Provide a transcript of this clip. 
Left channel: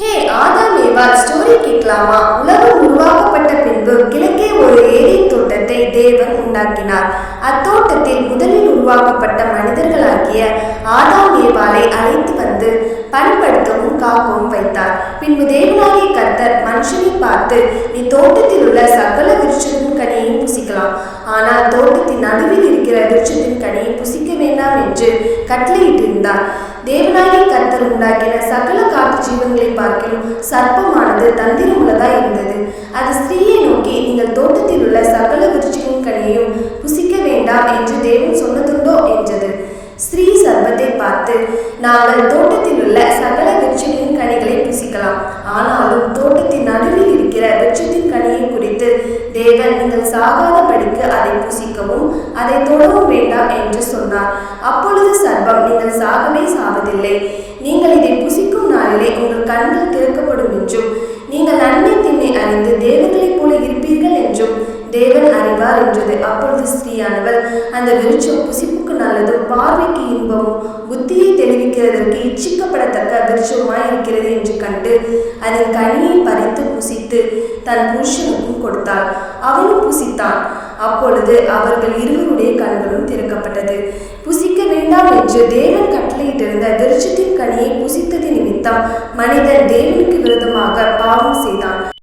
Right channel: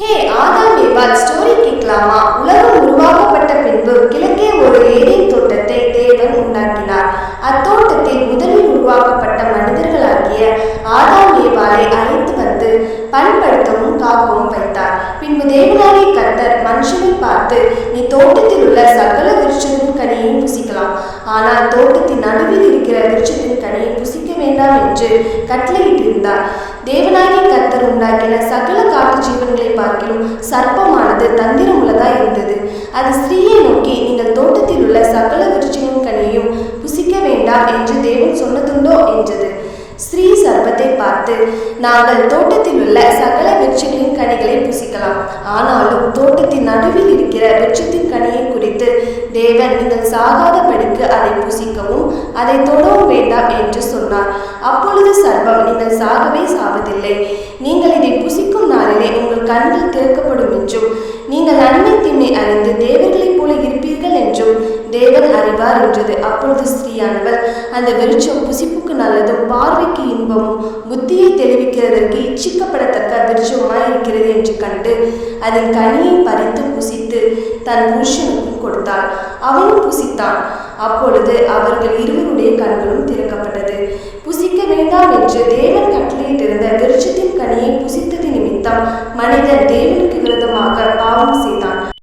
ஹே ஆதாம் ஏவாள் ஸ்டோரி கேட்கலாமா? உலகம் உருவாக்கப்பட்ட பின்பு கிழக்கே ஒரு ஏதேன் தோட்டத்தை தேவன் உண்டாக்கினார். அத்தோட்டத்தில் முதலில் உருவாக்கப்பட்ட மனிதர்களாகிய ஆதாம் ஏவாளை அழைத்து வந்து பண்படுத்தவும் காக்கவும் வைத்தார். பின்பு தேவனாகிய கர்த்தர் மனுஷனை பார்த்து, நீ தோட்டத்தில் உள்ள சகல விருட்சத்தின் கனியையும் புசிக்கலாம், ஆனால் தோட்டத்தின் நடுவில் இருக்கிற விருட்சத்தின் கனியை புசிக்க வேண்டாம் என்று கட்டளையிட்டிருந்தார். தேவனாகிய கர்த்தர் உண்டாக்கின சகல காட்டு ஜீவன்களை பார்க்கிலும் சர்ப்பமானது தந்திரமுள்ளதாய் இருந்தது. அது ஸ்திரீயை நோக்கி, நீங்கள் தோட்டத்தில் உள்ள சகல விருட்சங்களின் கனியையும் புசிக்க வேண்டாம் என்று தேவன் சொன்னதுண்டோ என்றது. ஸ்திரீ சர்ப்பத்தை பார்த்து, நாங்கள் தோட்டத்தில் உள்ள சகல விருட்சங்களின் கனிகளை புசிக்கலாம், ஆனாலும் தோட்டத்தின் நடுவில் இருக்கிற விருட்சத்தின் கனியை குறித்து தேவன் நீங்கள் சாகாதபடிக்கு அதை புசிக்கவும் அதை தொடவும் வேண்டாம் என்று சொன்னார். அப்பொழுது சர்ப்பம், நீங்கள் சாகவே சாவதில்லை, நீங்கள் இதை புசிக்கும் நாளிலே உங்கள் கண்கள் திறக்கப்படும் என்றும் நீங்கள் நன்மை தீமை அறிந்து தேவர்களைப் போல இருப்பீர்கள் என்றும் தேவன் அறிவார் என்றது. அப்பொழுது ஸ்திரீயானவள், அந்த விருட்சம் புசிப்புக்கு நல்லதும் பார்வைக்கு இன்பமும் புத்தியை தெளிவிக்கிறதற்கு இச்சிக்கப்படத்தக்க விருட்சமாய் இருக்கிறது என்று கண்டு அதன் கனியை பறித்து புசித்து தன் புருஷனுக்கும் கொடுத்தாள். அவனும் புசித்தான். அப்பொழுது அவர்கள் இருவருடைய கண்களும் திறக்கப்பட்டது. புசிக்க வேண்டாம் என்று தேவன் கட்டளையிட்டிருந்த விருட்சத்தின் கனியை புசித்தது நிமித்தம் மனிதன் தேவனுக்கு விரோதமாக பாவம் செய்தான்.